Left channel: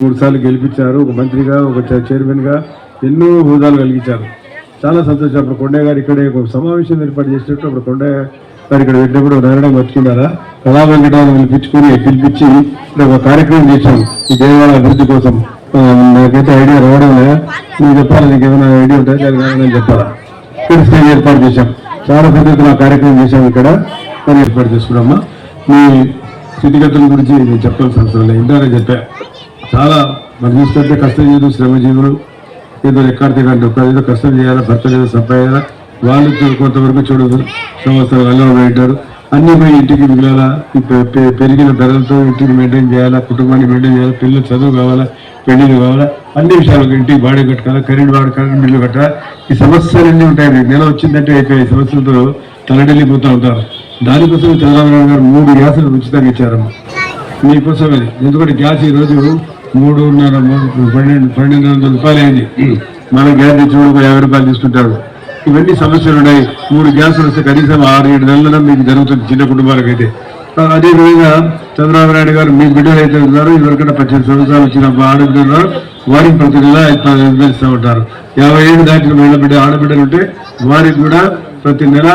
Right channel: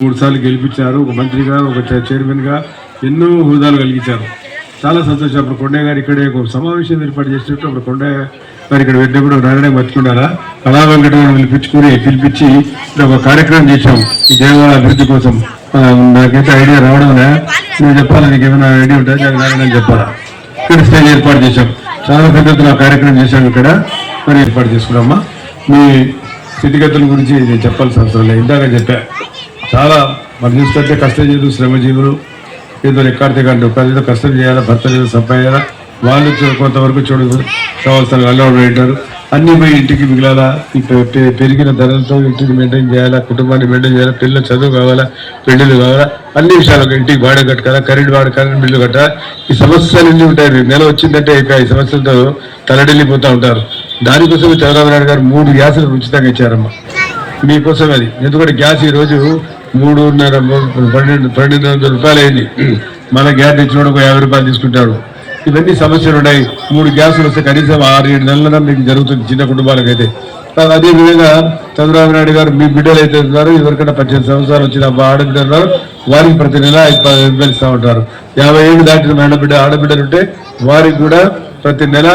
మూడు సార్లు గెలిపించారు. ఒక మంత్రిగా, ఒక చైర్మన్ గా ఎన్నో హోదాలు కలిగించారు. చాలా సంతోషం. అప్పుడు కొండయ్య గారు ఇక్కడే ఒక సమావేశం ఏర్పాటు చేసినట్టు అప్పుడు కొండయ్య గారు ఇక్కడ వెళ్ళినప్పుడు నారాయణ బతుకున్నారా కళా వెంకటరావు పిలిపించి ఒక కార్యక్రమం చేశాం ఈ దేవాలయ అభివృద్ధి కోసం. నాకైతే ఐడియా రావడం నువ్వు చెప్పాలి, నీకు ఏమైనా ఐడియా ఉంటుంది అది నారాయణ చెప్పాలా. ఇక్కడ స్టేజ్ ఏర్పాటు చేశాం. చాలా పద్ధతిలో కార్యక్రమం చేశాం. ఇక్కడ మరి ఏర్పాటు చేసుకున్నామా. మీ స్థితిగతుల గురించి నేను చెప్పాల్సిన అవసరం లేదు, ఇందాక చెప్పా. చాలా మనం చూస్తుంటే కష్టజీవులు, శ్రమజీవులు ఏదో ఎక్కడితే కానీ ఏదో కష్టం చేయాలా, భర్త ఏదో సంపాయాలా, వాళ్ళు కొంతవరకు చెడు సంవత్సరాలు అలవాటు పెట్టారు. అన్నీ పోయి ఇంటికి మిగిలాలా, పెరిగిన ధరలతో ఇంటికి మెయింటైన్ చేయాలా, కుటుంబాన్ని మెయింటైన్ చేయాలా, పిల్లలు చదువు కావాలా, పెళ్ళిళ్ళు కావాలా, అన్ని విషయాలు ఇంటికి బాడీ కట్టాలా, కరెంట్ బిల్లు కట్టాలా. ఈ సమస్యలన్నీ ఉంటాయి. నెల వచ్చిందంటే ఈ సమస్యలతో తలడెళ్ళిపోతూ ఉంటారు. దానికోసం చంద్రబాబు నాయుడు గారు 3 గ్యాసులు ఉచితంగా ఇచ్చారమ్మా మీకోసం. అది ఎందుకంటే గ్యాస్ ఈరోజు 1200 రూపాయలు అయింది. మన గ్యాస్ చూడు 50 రూపాయలు తీసుకుంటాడు. ఇవన్నీ సమస్యలు ఉన్నాయి. 3 గ్యాసులు వస్తే కనీసం 6-7 నెలల మీకు జరుగుతుంది చిన్న కుటుంబాలకైతే. అదేవిధంగా చంద్రబాబు నాయుడు గారు మీ బిడ్డలు అయితే ఉన్నారు, ఎవరికైనా 18 సంవత్సరాలు వచ్చిన ఆడబిడ్డలు ఉన్నారు, వారికి ప్రతి నెల 5,000 ఇస్తూ ఉంటారు. 50 ఏళ్ళు దాటిన ఆడబిడ్డలు ఉంటే వారికి కూడా ప్రతి నెల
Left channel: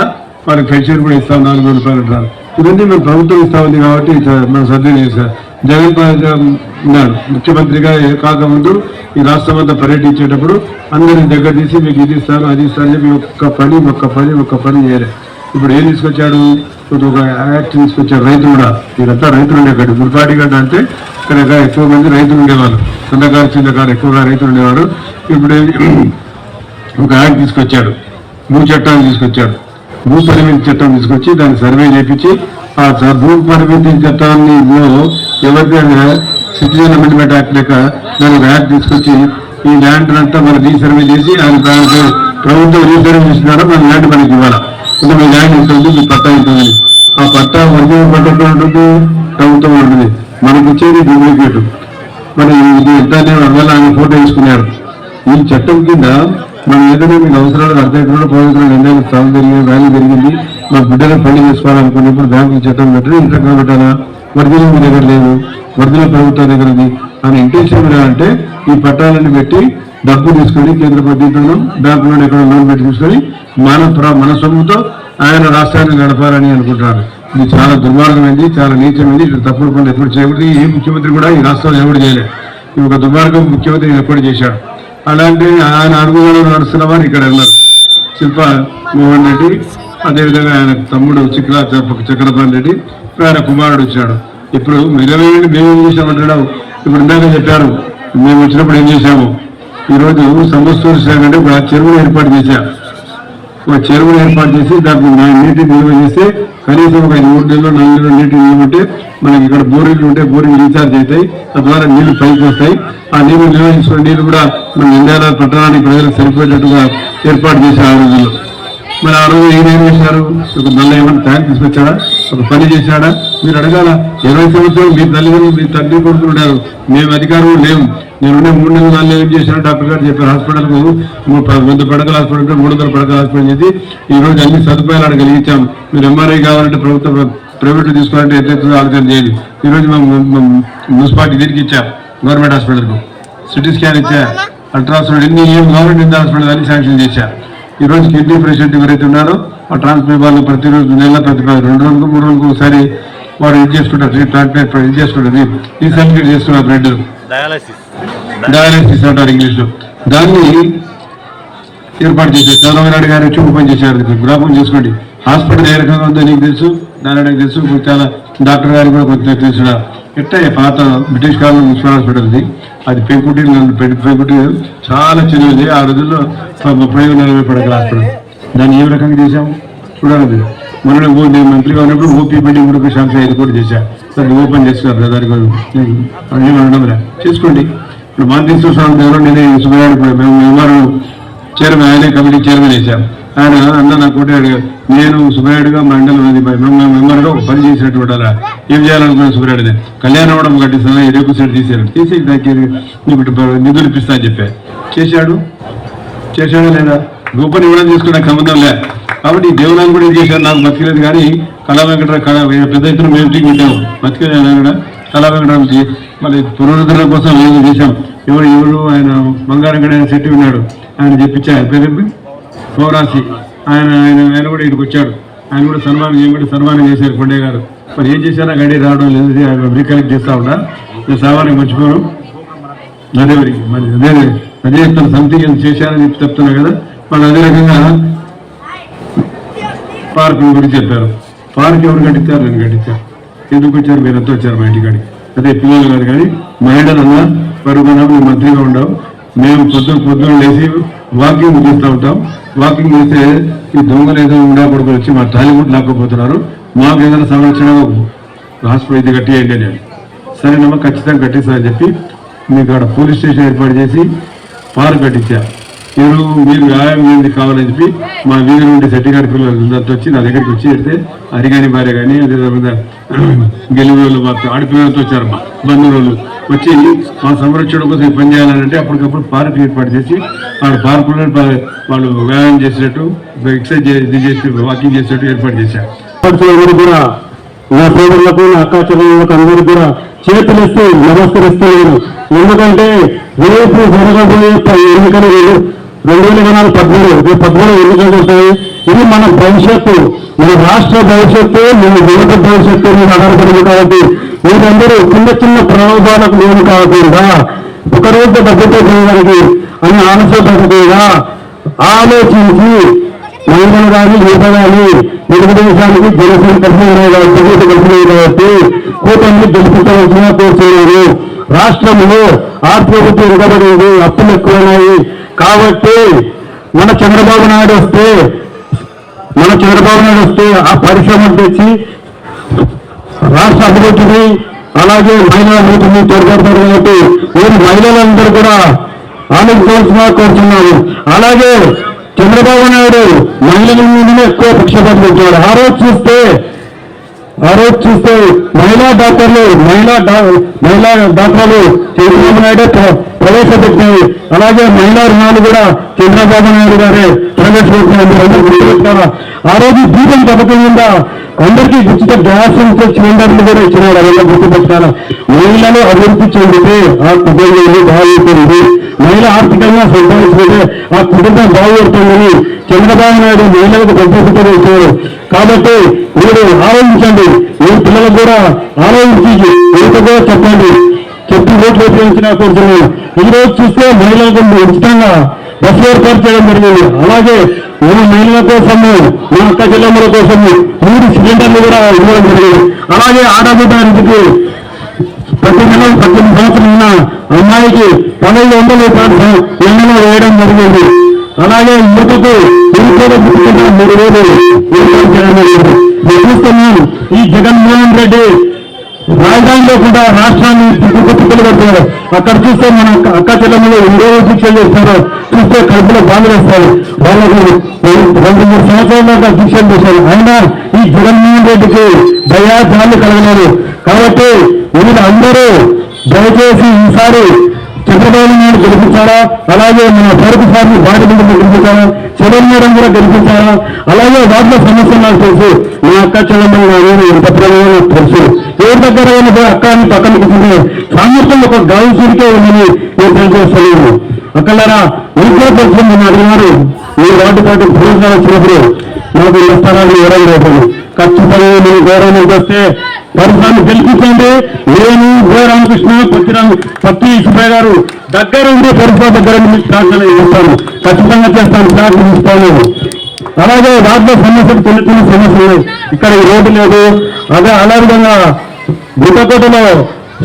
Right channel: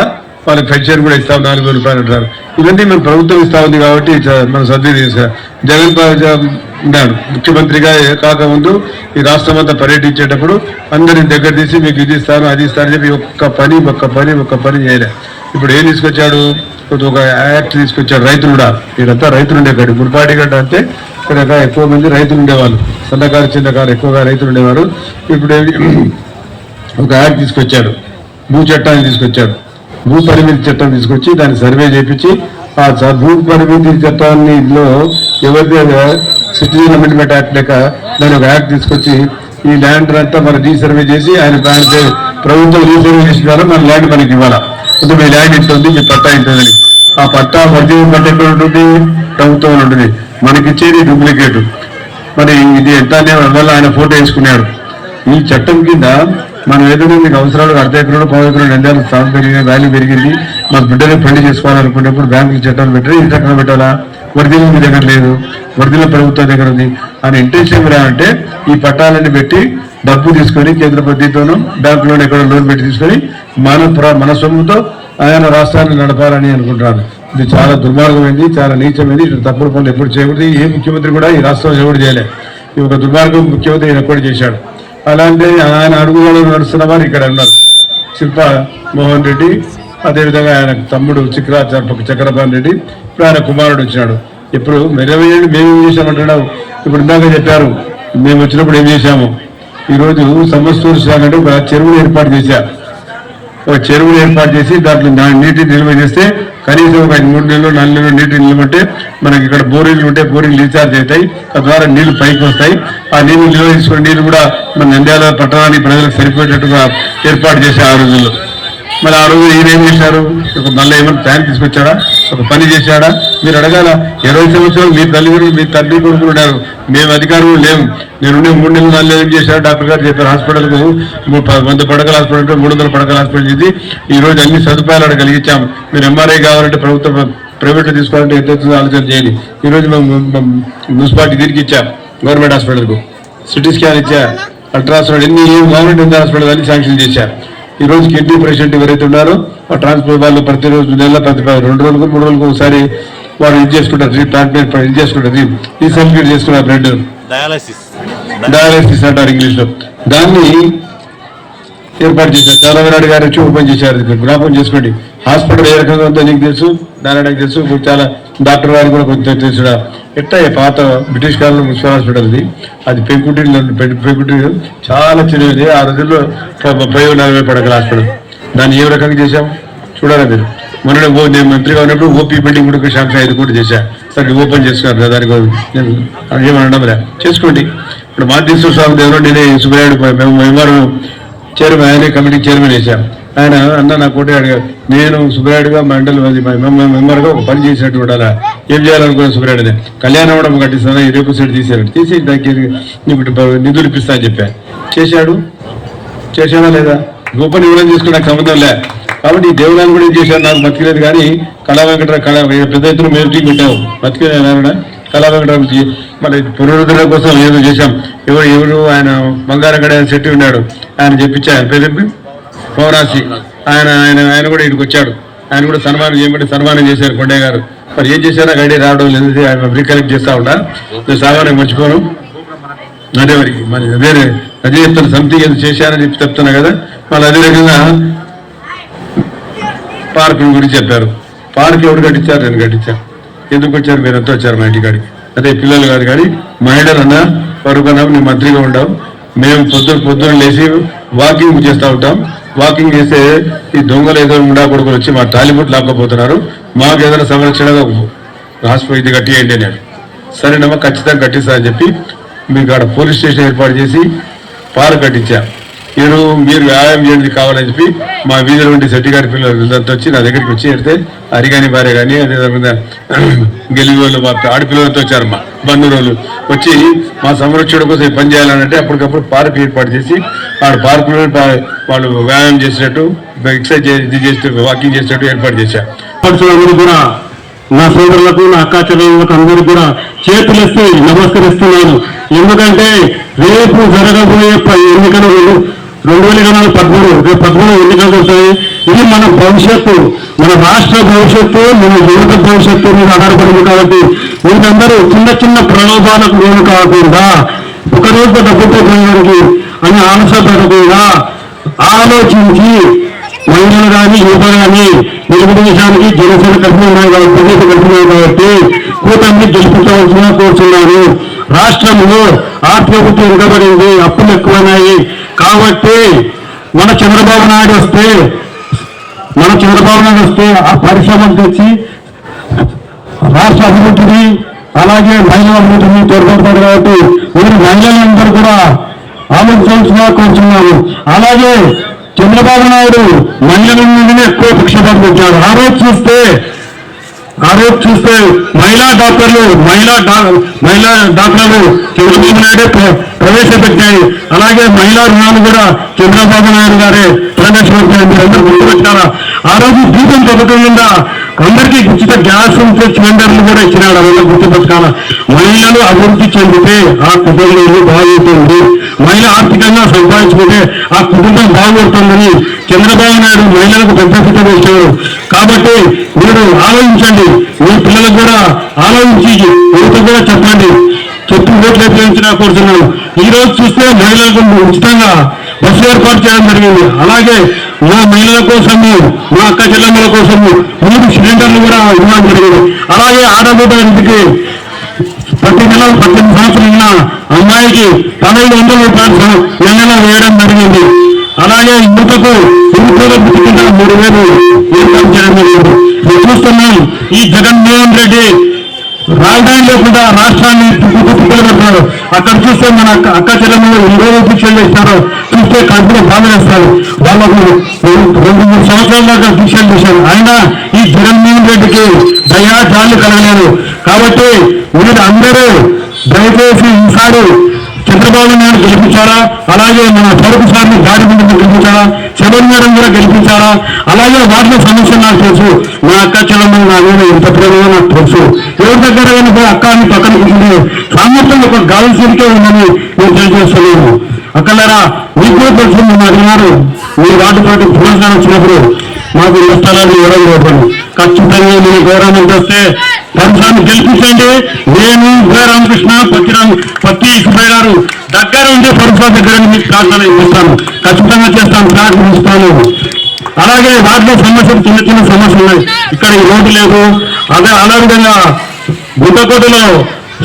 వాళ్ళకి పెన్షన్ కూడా ఇస్తాం, 4,000 రూపాయలు అంటారు. ఇవన్నీ మేము ప్రభుత్వం ఇస్తా ఉంది కాబట్టి మనం సర్దులు చేశారు. జగన్ ఉన్నాడు ముఖ్యమంత్రిగా కాకముందు ఈ రాష్ట్రం అంతా పర్యటించేటప్పుడు అందరిని దగ్గర తీసి మీకు ఇది ఇస్తాను అది ఇస్తాను చెప్పి ఒక్క పని చేయలే. ఇప్పుడు ఏం తీసుకొచ్చాడు, ఒక యాక్ట్ తీసుకొచ్చాడు. రైతులుడా వీళ్ళంతా రైతులు ఉండేవాడు. మున్పాటి గంట అంటే ఇక్కడ ఎక్కువ మంది రైతులు ఉండేవాళ్ళు, సన్నకారు చిన్నకారు ఎక్కువగా రైతులు ఉండేవారు. ఇప్పుడు ఒక యాక్ట్ తీసుకొచ్చాడు, భూ చట్టాన్ని తీసుకొచ్చాడు. భూ పరిమితి చట్టం తీసుకొచ్చి దాన్ని సర్వే చేయించి ఆ భూ పరిమితి చట్టాన్ని ఎవరిదైనా సిటిజన్ అమెండ్మెంట్ యాక్ట్ లేక దాని ఒక యాక్ట్ తీసుకొచ్చి ఈ ల్యాండ్ అంతా మనం రీసర్వే చేసి ఆయన ప్రభుత్వం రీసర్వే చేసిన ద్వారా మన ల్యాండ్ మనకి ఇవ్వాలా. ఇప్పుడు మీ ల్యాండ్ ఎంత ఉంది, మీ పట్టా ఎంత ఉంది. ఆ పట్టా ఒరిజినల్ పట్ట ఎక్కడ ఉంటుంది, ప్రభుత్వం ఉంటుంది. మనకి ఇచ్చేది డూప్లికేట్. మరి ఇది ఎంత వల్ల ఆయన ఫోటో వేసుకున్నాడు. ఈ చట్టం కింద మనం ఏదైనా మీకు అవసరాలు 1/2 ఎకరాలు 10 ఎకరాలు ఎండాలి, స్థానం పెరిగింది, వాల్యూ పెరిగింది, మా బిడ్డలు పెళ్లి చేసుకోవాలనుకున్నప్పుడు బ్యాంకులు చట్టం పెట్టారు. ఈ చట్టం పెట్టాలా, వరదలు మీ దగ్గర లేదు, వరదల ప్రభుత్వం దగ్గర ఉంది అని ఇంటెన్షన్ అంటే ఈ పట్టాలని పెట్టి డబ్బు తీసుకొని కేంద్ర ప్రభుత్వంలోనూ బ్యాంకులోనే ఎక్కడ లోన్ పెట్టి తీసుకొని మన సొమ్ముతో ఆయన రాష్ట్రాన్ని నడపాలని అనుకుంటున్నాడు. ఇది చాలా దుర్మార్గమైంది, చాలా నీచమైంది. ఇటు తప్పుడు పనులు ఎప్పుడు చేయకూడదు. ఏ ముఖ్యమంత్రి కూడా ఈ రాష్ట్రంలో ఎవరు చేయలేదు. ఈ ఒక దుర్మార్గం ముఖ్యమంత్రి ఎప్పుడు చేశాడు. అలాంటి ఆయన అడుగులలో నడుస్తున్న వారు ఇక్కడ ఉన్నారు. శిల్ప మోహన్ రెడ్డి, అదేవిధంగా ఆయన తమ్ముడు చక్రపాణి రెడ్డి, ఇప్పుడు ఆయన కుమారుడు వచ్చినాడు. ఇప్పుడు మెరవేయండి మేమేం చేశామంటున్నావు. ఇప్పుడు ఇందాక చెప్పారు మేము వచ్చినప్పుడు ఏం చేశాము. ఈరోజు సమస్తూరు శాఖ అంటే ఒక చెరువును ఏర్పాటు చేశారు. ఒక చెరువును ఏర్పాటు చేసి దాంట్లో నీటిని నిల్వ చేస్తే కనీసం ఒక 3 నెలలు 4 నెలలు నీటిని నిల్వంటే మనకి ఇక్కడ బోరింగ్లు ఉంటే బోరింగ్లు రీఛార్జ్ అవుతాయి, తద్వారా నీళ్లు పైకి వస్తాయి. ఆ నీళ్లు నిల్వ చేసుకునే నీళ్లు కూడా మన నంద్యాల పట్టణానికి ప్రజలకు సరిపోయేటట్టుగా ఏర్పాటు చేశారు ఆ రోజుల్లో. మరి ఆ రోజు ఈయన ఏం చేశారు, ఒక మళ్ళీ ఏమైనా ట్యాంక్ తీసుకొచ్చాడా, ఒక పని చేశాడా? మీరు అడగాల. 20 సంవత్సరాలు మీ తల్లిదండ్రులు మీ తండ్రి కొడుకు ఉన్నారు, మేము అధికారులు లేము. నేనుండే 3 నెలల వాళ్ళు ఏం చేశారు, డాక్టర్ గారు చెప్పారు హాస్పిటల్కు 100 పడకల హాస్పిటల్ 300 పడకల హాస్పిటల్ చేసి ఈ రోజు అన్ని సదుపాయాలను కలిగించాము. మీరు ఎంఆర్ఐ కావాలంటే ప్రభుత్వం ప్రైవేట్లో తీసుకోవాలంటే ఎంత ఆలోచన చేయాలి. ఈరోజు మేము మున్సిపాలిటీ దీనికి ఇచ్చాం, గవర్నమెంట్ హాస్పిటల్కు సిటీ స్కాన్ ఇచ్చా, అల్ట్రాసౌండ్ ఎన్ని గవర్నమెంట్ హాస్పిటల్ అన్ని శాంక్షన్ చేశారు. ఈ రోజు కిడ్నీ పేషెంట్ ఎవరైతే ఉన్నారో ఆ ట్రాన్స్ప్లాంట్ వాళ్ళు ప్రతిరోజు నెల 2 రోజులకు 3 రోజులకు ఒకసారి వారు ఇది చేసుకుంటారు, ట్రాన్స్ప్లాంట్ ఇది చేసుకుంటారు, ఈ సర్టిఫికేట్ చేసుకున్నారు, బ్లడ్ డయాలసిస్ అంటారు ఇంగ్లీష్లో. దాన్ని ఏర్పాటు చేశారు. చంద్రబాబు నాయుడు గారు వచ్చి ఓపెన్ చేశారు. జ్ఞాపకం చేసుకోండి. హాస్పిటల్ ఏ రకంగా ఉందో నీకు తెలుసు, నారాయణకు తెలుసు, చాలా డాక్టర్ గారు కూడా కొంచెం తెలుసు. ఎట్లా పాత బ్రిటిష్ కాలంలో మున్సిపల్ హాస్పిటల్ది అది పెంకుటి చాలా చిన్నది. ఆ రోజుల్లో 30-40 పడకల హాస్పిటల్. దాన్ని ఏ రకంగా చేశాం చూడాలి మీరు. మొన్న నేను మంత్రిగా ఉన్నప్పుడు ఓపీ బిల్డింగ్ కూడా శాంక్షన్ 5 కోట్లు చేశా. సరే ఓపెన్ చేసుకున్నారు దానికి ఏమనడం చేసుకోండి. ఇప్పుడు మాంతేశ్వర స్వామి దేవుడు నేనే సుబ్రహ్మణ్య మెంబర్ చైర్మన్, ఆయనే కమిటీ చైర్మన్ వేశాను. ఆయన అన్న నాకు ఒకటి అడిగారు, నేను సుబ్రాయుడుగా మండలి మెంబర్గా ఒక పని చేసినట్టు ఉండాలా, ఏం చేయాలనుకునే సుబ్రాయుడిని కళ్యాణ మండపం కట్టిస్తాను 20% తీసి దానికి నిధులు ఇప్పిస్తా అని చెప్పాను. చేశాడా లేదా? గొప్ప ఇవ్వడం తీసుకుని నాకు సంబంధం లే. కాబట్టి ఈ దేవునాన్ని కూడా ఏం చేశాను, నాకు బతికిలేదు. కానీ కళా వెంకటరావు పెద్ద ఎత్తున మీటింగ్ పెట్టాము, బతికిలేదు కూడా కళా వెంకటరావుకి మరి పునరుద్ధరణ కోసం ఏదో చేశాం. ఎవరు ఆయన బంగారగడ శెట్టి ఉన్నాడు, ఆయన చెప్పించా, ఆయన పేరు పౌరాసి, ఆయన కూడా ఇక్కడికి వచ్చాడు. ఆయన కూడా సన్మానం చేశారు కొండయ్య గారు. మరి ఏం చేశారో గడి రావడం లేదు, ఆయన రీకలెక్ట్ చేస్తా ఉన్నా. సామాన్యం మర్చిపోను. అదే మరి అదే చెప్తాను, సంథింగ్ ఏదో చేశారని చెప్పి చెప్తున్నా కదా. మళ్ళీ అదే విధంగా పార్క్ గురించి చెప్పారు. పార్క్ ఎవరు కట్టించారు? నేను కట్టించాను. ఎందుకు వచ్చారు? మీరు ఎంతో వచ్చారు మా ఇంటికాడికి. అదే పిల్లలు గారు కానీ మహిళలన్నా పరుగున్నా మేము మంత్రిగా ఉండవు. మేము పొద్దున లేచి వాకింగ్ చేస్తూ ఉంటాం. వాకింగ్ చేస్తే ఈ దొంగలు ఏదో ఉండాకూడదు వచ్చి మా టాలీవుడ్ లాక్కపోతున్నారు, మాకు ఏదైనా సంరక్షణ హాస్పిటల్ ఇది కట్టియండి నేను. సరేనమ్మా ఖచ్చితంగా కట్టిస్తా అని చెప్పి మీకు అక్కడ పోలీస్ స్టేషన్ ఏర్పాటు చేసి పార్క్ కట్టించారు. మీరు వ్యాయామం చేయండి కావాలని చెప్పి మా వీధి నుండి సెట్టిగారి పిల్లలు వచ్చి నా దగ్గరికి వచ్చి పెడితే అరిగాని భార్య కానీ అదేవిధంగా గెలివేళ్ళు మా ఆడపిల్లలతో వచ్చారు. మా బంధువులు వచ్చి మా సంరక్షణ కోసం పని చేయాలంటే అప్పటికప్పుడు పార్క్ ఏర్పాటు చేసి ఆ పార్కులో వాళ్ళు వ్యాయామం చేసినట్టు, ఎక్సర్సైజ్ చేసినట్టు, వాకింగ్ చేసినట్టు ఏర్పాటు చేశారు. కూడా నా సోదరులకు, నా అక్కా చెల్లెళ్ళకు అందరూ కూడా చేతులెత్తి నమస్కరిస్తున్నాను. ఎందుకంటే రేపు జరగబోయే ఎన్నికలు 2013 రేపు 13 ఎన్నికలు వస్తాయి. ఇది మన భవిష్యత్తు, మన రాష్ట్ర భవిష్యత్తు, మన యువత భవిష్యత్తు మీద ఆధారపడింది. కాబట్టి మీరందరూ చిన్న ప్రలోభాలకు లోను కాకుండా ఒకరోజు డబ్బుతో చేయడానికి అని ఆలస్యపడకుండా ఆలోచించి మహిళలు కానీ యువత కానీ తెలుగుదేశానికి జనసేన కడుపున్నాయి కాబట్టి కూటమిని గెలిపించవలసిన కోరుతున్నాను. రాష్ట్రంలో ఆర్థిక వెనుకబడింది, అప్పులు ఎక్కువన్నాయి. కాబట్టి మన చంద్రబాబు నాయుడు వస్తే ఆ పరిశ్రమలు తెచ్చి రాష్ట్ర అభివృద్ధిని అలాగే మహిళా అభివృద్ధిని తోడ్పడతారు. కాబట్టి మీరు మహిళలందరూ కూడా ఆలోచించాల్సిన కోరుతున్నాను. అలాగే చంద్రబాబు నాయుడు మహిళల మీదనే ఎక్కువ పక్షపాతం పెంచాడు. ఆ రోజు చూస్తే మహిళా డాక్టర్లు చంద్రబాబు నాయుడే ప్రవేశపెట్టాయి. అలాగే మహిళా రుణాలు కూడా చంద్రబాబు నాయుడు గారే ప్రవేశపెట్టారు. మీరందరూ గుర్తుపెట్టారా? ఆ రోజు దీపం పథకం కింద అందరికీ ఉచిత గ్యాస్ సిలిండర్లు కూడా ఇచ్చినాడు. అలా గుర్తుపెట్టుకోవాలా. మహిళలు అభివృద్ధి చెందితే ఆ కుటుంబం బాగుంటుంది, మహిళ ఆర్థికంగా సంపాదించుకుంటే ఆ కుటుంబం బాగుపడుతుందని చంద్రబాబు నాయుడు మహిళలకు పెద్ద పుట్టలు ఇచ్చారు. కాబట్టి మీరు ఆలోచించండి, మీ పిల్లలకు కూడా ఆలోచించి ఇంత కూడా చెప్పండి, చెప్పి ఓట్లు వేయించినా కోరుతున్నాను. ఈ రోజు చూస్తే మహిళలకు ఉచితంగా బస్సు ఏర్పాటు చేయడం జరిగింది. అలాగే నా మహిళల కోసము, మా అక్క చెల్లెమ్మల కోసము 3 సిలిండర్లు కూడా ఇవ్వడం జరిగింది. అలాగే ఆడబిడ్డ ఇంటికి ప్రతి నెల 18 సంవత్సరాలు ఉన్న అమ్మాయికి 1200 రూపాయలు నెలలో వేయడం జరిగింది. అలాగే యువతకు ఇంట్లో పుట్టుకున్న 3000 ఏర్పాటు చేయడం జరిగింది. నేను చూస్తున్నాం ఈ జగన్మోహన్ రెడ్డి రాజధాని లేకుండా రాష్ట్రాన్ని తిప్పలు పెట్టారు. అక్కడ చూస్తే మన అక్క చెల్లెమ్మలు ఎన్నో దీక్షలు చేస్తారు, చూస్తే కడుపులో బాధలు వేస్తారు. వాళ్ళకు 2-3 సంవత్సరాల దాకా దీక్షలు చేశారు. అయినా ఈ జగన్మోహన్ రెడ్డికి దయా జాలి కలగలేదు. కాబట్టి మీరు అందరూ దయచేసి ఈసారి చంద్రబాబు నాయుడు గెలిపించారా, అలాగే మన పరుపు సార్ని భారీ ముందు గెలిపించారా, చంద్రబాబు కూడా గెలిపించారా. అలాగే వాటిలో సమస్య నాకు తెలుసు, నా అక్క చెల్లెమ్మలు నా మీద ఎంత ప్రేమగా నాకు తెలుసు. ఎవరి దగ్గర అక్కని పక్కన కూర్చుంటే సామర్థ్యం ఒక గాలిసరికే ఉందని నేను తెలియజేస్తున్నాను. అక్కలారా మీకు తెలుసు, నేను అడిగినారు మీ వార్డు పార్టీ పునరుద్ధరణ వచ్చినప్పుడు మాకు స్థలాలు 20 రూపాయలు ఖచ్చితంగా నేను గౌరవం చేస్తే పరిశ్రమ గెలిపించండి. నేను రామకృష్ణ పత్తి సుబ్బయ్య గారు దగ్గర ఉండే పరిశ్రమ దగ్గర మీకు ప్రార్థన చేస్తాను, ఖచ్చితంగా చేస్తాను. ఫ్లాట్ తీసుకోలేదు. అలాగే వాటిలో సమస్యలు చిన్న సమస్యలు ఉన్నాయి. ఇక్కడ ఈ రోడ్డు లేదు. అదే అలా విధంగా గుట్టకోటలో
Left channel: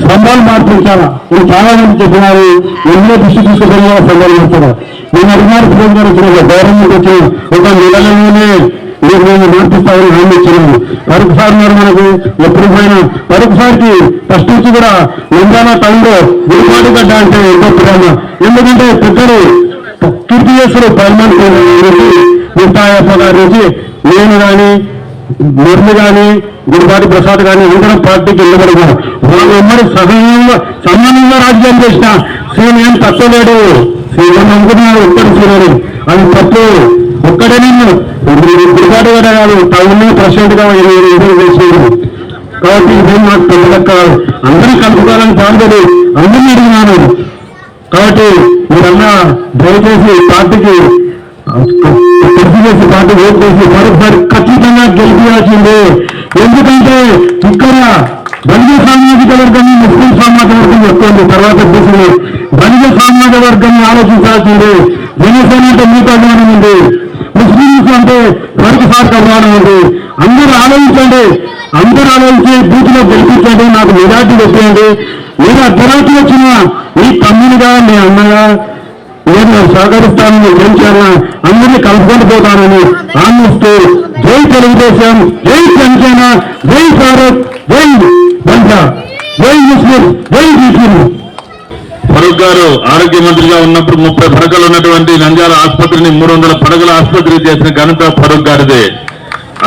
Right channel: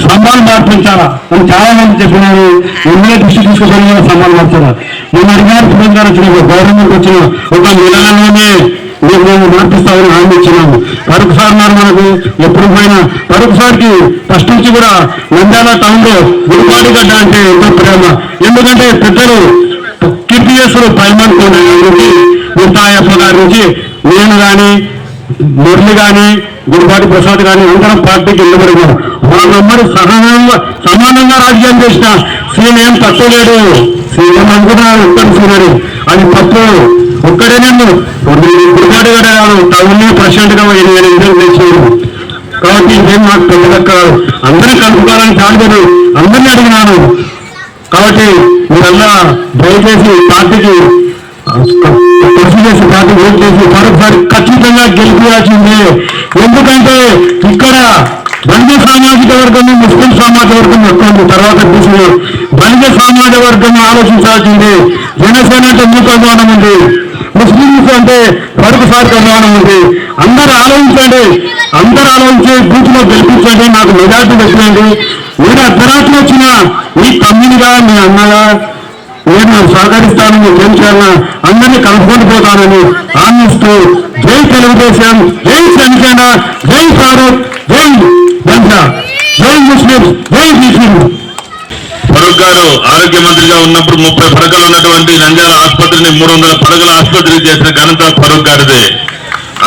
స్తంభాలు మార్పించాలా అని చాలా మంది చెప్పినారు. ఇందులో దృష్టి తీసుకుని స్తంభాలు మార్చాలా. నేను అడిగినారు సురేష్ గారు వచ్చిన గవర్నమెంట్ వచ్చిన ఒక నెలలోనే మేము మార్పిస్తామని హామీ ఇచ్చినాము. ఫరూక్ సార్ మరి మనకు ఎప్పుడు పోయినా ఫరూక్ సార్కి ఫస్ట్ నుంచి కూడా నంద్యాల టౌన్ లో విడిపాడి గడ్డ అంటే ఎంతో ప్రేమ. ఎందుకంటే పెద్దలు కీర్తి చేస్తారు పైమన్ నిర్తాయప్ప గారి నుంచి నేను కానీ మురళి కానీ గుడిపాటి ప్రసాద్ కానీ అందరం పార్టీకి వెళ్ళబడినారు. వాళ్ళందరూ సమానంగా రాజకీయం చేసిన సీనేం తక్కువ లేడు. సీనియర్ అనుకున్నారు ఒక్కడి సీనియర్ అది తప్పు. ఒక్కడే నన్ను గుడిపాటి గారు కాదు టౌన్ ప్రెసిడెంట్ గా చేసేది. కాబట్టి ఇదేం మాకు పెద్దదక్కారు. అందరూ కలుపుకోవాలని చాలు అందరినీ అడిగినాను. కాబట్టి మీరల్లా దయచేసి పార్టీకి కృషి చేసి పార్టీ ఓటు చేసి మరొకసారి ఖచ్చితంగా గెలిపించాల్సిందే. ఎందుకంటే ఇక్కడ బలిజ సామాజిక వర్గం ముస్లిం సామాజిక వర్గం ఎక్కువ తర్వాత బీసీ బలిజ సామాజిక వర్గం ఆలోచించాల్సిందే. జనసేన అంటే మీకు అభిమానం ఉంది, ముస్లింస్ అంటే మరొకసారికి అభిమానం ఉంది. అందరూ ఆలోచించండి, అందరూ ఆలోచించి బూత్ లో గెలిపించండి. నాకు మెజార్టీ వచ్చేయండి. మీరు అర్ధరాత్రి వచ్చిన మీ తమ్మునిగా మీ అన్నగా నేను సహకరిస్తానని ఏం చేయాలని అందరినీ కలుపుకొని పోతానని ఆనందిస్తూ జై తెలుగుదేశం, జై జనసేన, జై భారత్, జై బంజా, జై ముస్లిం, జై ముస్లిం. ఫరూక్ గారు ఆరోగ్య మంత్రిగా ఉన్నప్పుడు 30 పడకలు ఉన్నటువంటి నంద్యాల ఆసుపత్రిని 300 పడకల ఆసుపత్రి చేసిన ఘనత ఫరూక్ గారిదే.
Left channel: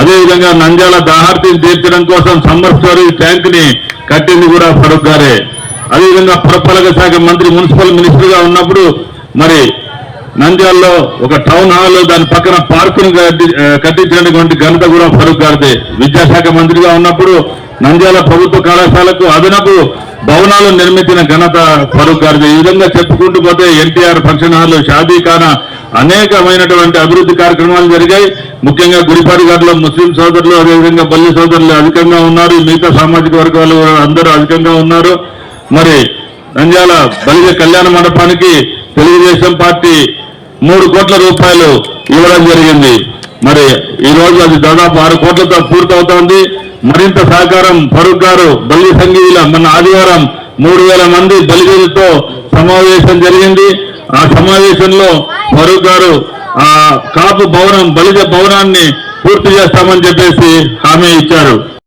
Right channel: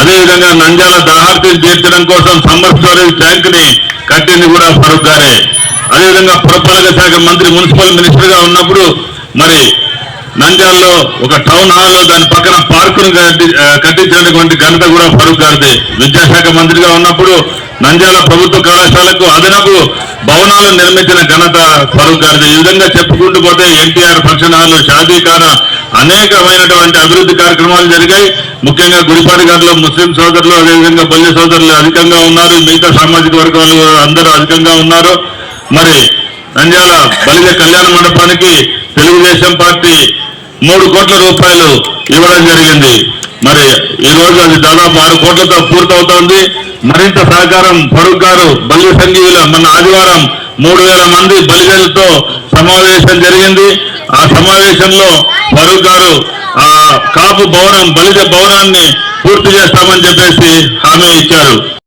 అదేవిధంగా నంద్యాల దాహార్తిని తీర్చడం కోసం సమ్మర్ స్టోరేజ్ ట్యాంక్ ని కట్టింది కూడా ఫరూక్ గారే. అదేవిధంగా పురపాలక శాఖ మంత్రి మున్సిపల్ మినిస్టర్ గా ఉన్నప్పుడు మరి నంద్యాలలో ఒక టౌన్ హాల్ దాని పక్కన పార్కును కట్టించినటువంటి ఘనత కూడా ఫరూక్ గారిదే. విద్యాశాఖ మంత్రిగా ఉన్నప్పుడు నంద్యాల ప్రభుత్వ కళాశాలకు అదనపు భవనాలు నిర్మించిన ఘనత ఫరూక్ గారిదే. ఈ విధంగా చెప్పుకుంటూ పోతే ఎన్టీఆర్ ఫంక్షన్ హాల్, షాదీఖానా అనేకమైనటువంటి అభివృద్ధి కార్యక్రమాలు జరిగాయి. ముఖ్యంగా గుడిపాటి గారిలో ముస్లిం సోదరులు అదేవిధంగా బల్లి సోదరులు అధికంగా ఉన్నారు. మిగతా సామాజిక వర్గాలు అందరూ అధికంగా ఉన్నారు. మరి నంద్యాల బలిజ కళ్యాణ మండపానికి తెలుగుదేశం పార్టీ 3 కోట్ల రూపాయలు ఇవ్వడం జరిగింది. మరి ఈ రోజు అది దాదాపు 6 కోట్లతో పూర్తవుతోంది. మరింత సహకారం ఫరూక్ గారు బలి సంఘీయుల మొన్న ఆదివారం 3000 మంది బలిజలతో సమావేశం జరిగింది. ఆ సమావేశంలో ఫరూక్ గారు ఆ కాపు భవనం బలిజ భవనాన్ని పూర్తి చేస్తామని చెప్పేసి హామీ ఇచ్చారు.